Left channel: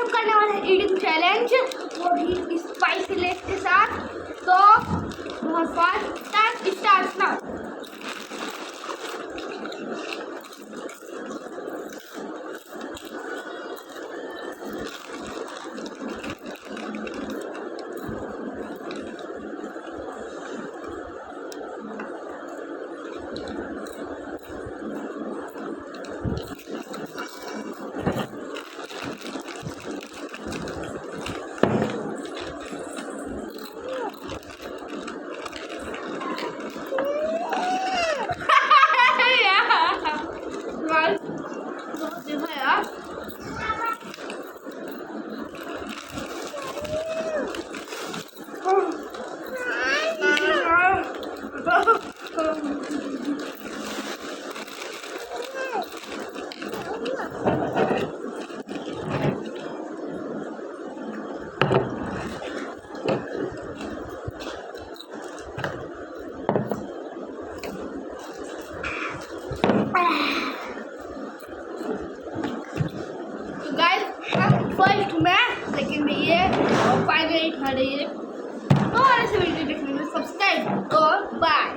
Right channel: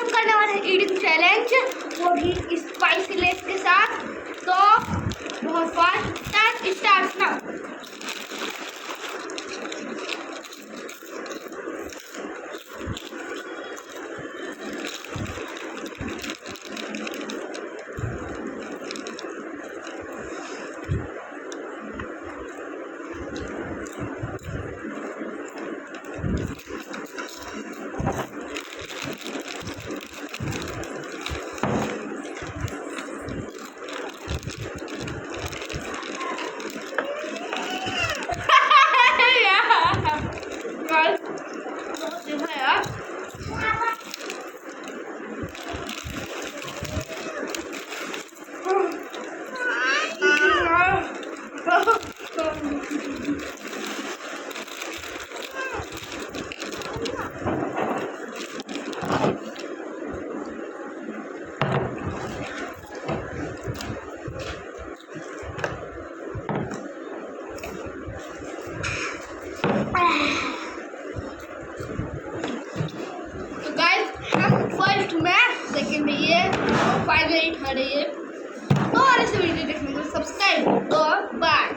हम करने वाले हैं ईटिंग चैलेंज, वो भी स्पाइसी लेस के साथ। तो बहुत फास्ट स्टार्ट नाउ। तो गाइस हम फर्स्ट में सेकंड में ये और फाइनली थर्ड ये। तो और ऐसे वीडियो देखने के लिए सब्सक्राइब और बाय।